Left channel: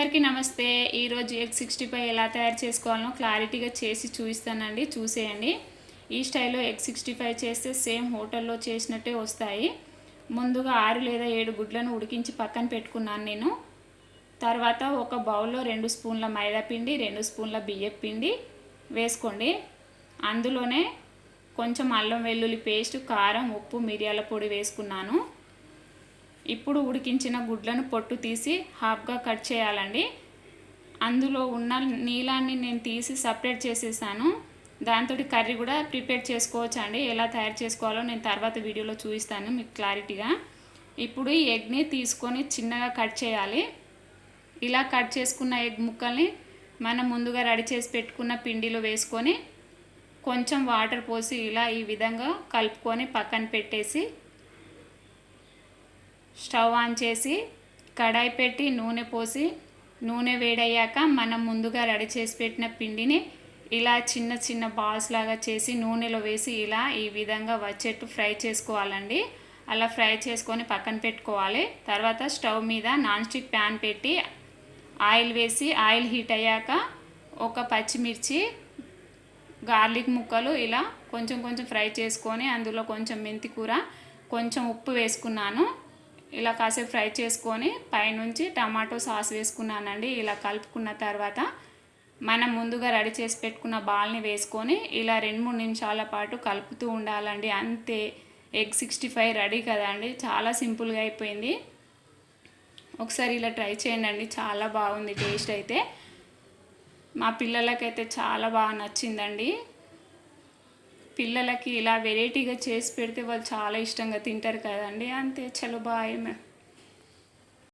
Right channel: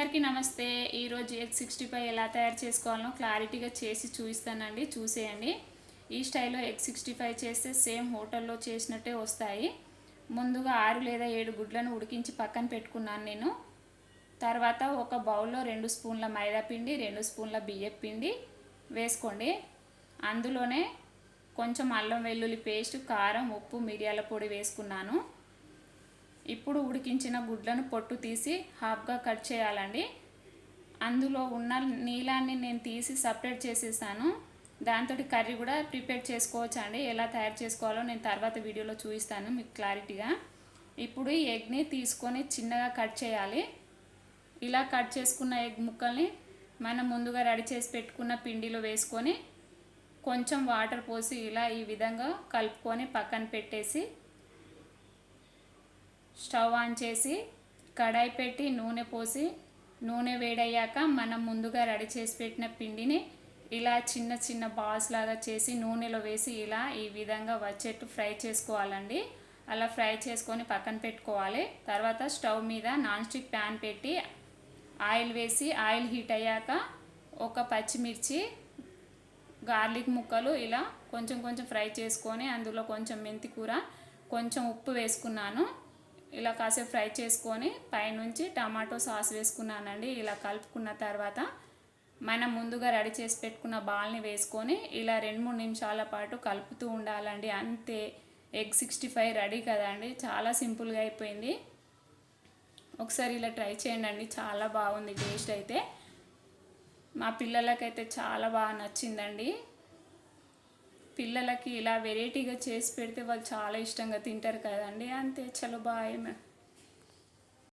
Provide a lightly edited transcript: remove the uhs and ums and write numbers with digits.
అందరికీ నమస్తే. ఈరోజు ఎగ్ 65 ఎలా తయారు చేసుకోవాలో క్లారిటీగా చేసి చూపిస్తానండి, చూసేయండి. ఈ స్టైల్లో ఎగ్ 65 చేస్తే సేమ్ హోటల్లో చేసినట్టే వస్తాయి. ముందుగా 6 లేదా 7 గుడ్లను ఉడికించి పక్కన పెట్టుకున్నాను నేను. తర్వాత ఒక బౌల్లో 2 స్పూన్ల మైదా పిండి, 2 స్పూన్ల బియ్యం పిండి వేసుకోండి. అందులోనే కొంచెం అల్లం వెల్లుల్లి పేస్ట్, కారం, ఉప్పు, మిరియాల పొడి వేసుకున్నాను. ఇప్పుడు ఉడికించిన గుడ్లను పొట్టు తీసి హాఫ్గా కట్ చేయాలండి. అందులో ఉన్న నీళ్ళాన్ని నేను తీసి సపరేట్ చేసేసాను. దాంతో కర్రీ కూడా ప్రిపేర్ చేసుకోవచ్చు అండి. ఎలా తయారు చేసుకోవాలో నేను తర్వాత వీడియోలో చూపిస్తాను మీకు క్లారిటీగా. ఇప్పుడు ఈ ఎగ్ని తీసుకొని చిన్నగా కట్ చేయాలి. ఇలా కట్ చేసుకున్న ఎగ్ ముక్కల్ని మనం ముందుగా రెడీ చేసి పెట్టుకున్న పిండిలో వేసుకొని కొంచెం వాటర్ పోసి ఇలా ఈ విధంగా కలుపుకొని పక్కన పెట్టేసి స్టవ్ ఆన్ చేసి కడాయి పెట్టి నూనె పోసి నూనె వేడయ్యాక మనం ముందుగా రెడీ చేసి పెట్టిన పిండిని ఇలా చిన్న చిన్న బాల్స్ లాగా చేసి నూనెలో వేసి ఇలా ఈ విధంగా వచ్చేట్టు ఫ్రై చేసుకోవాలండి. అలా ఫ్రై చేసుకొని పక్కన పెట్టుకోవాలి. తర్వాత స్టవ్ మీద నాన్ స్టిక్ ప్యాన్ పెట్టి ఆయిల్ వేసి ఆయిల్ హీట్ అయ్యాక ఒక పచ్చిమిర్చి, గార్లిక్ ముక్కలు ఇలా కొంచెం కొంచెం ఫ్రై చేసుకొని అందులో కొంచెం మెంతి కూర, కొంచెం ఉప్పు వేసుకున్నాను. ఇలా కాసేపు ఫ్రై చేసుకొని పైనుంచి టమాటో సాస్ వేసుకున్నానండి. ఇలా కలుపుకున్న తర్వాత మనం ముందుగా రెడీ చేసి పెట్టుకున్న బాల్ని వేసుకొని ఇలా 2-3 నిమిషాల పాటు కలుపుతూ ఉండాలండి. అంతే, ఎగ్ 65 రెడీ కదండి. చాలా సింపుల్గా అయిపోయింది. ఒకసారి ఇలా ట్రై చేయండి, చాలా బాగుంది టేస్ట్ అయితే. మా పిల్లలకైతే చాలా బాగా నచ్చిందండి. పిల్లలకి ఇలా వెరైటీగా చేసి పెడితే వాళ్ళు చాలా ఇష్టంగా తింటారు కదండి. అంతే, చలో బాయ్.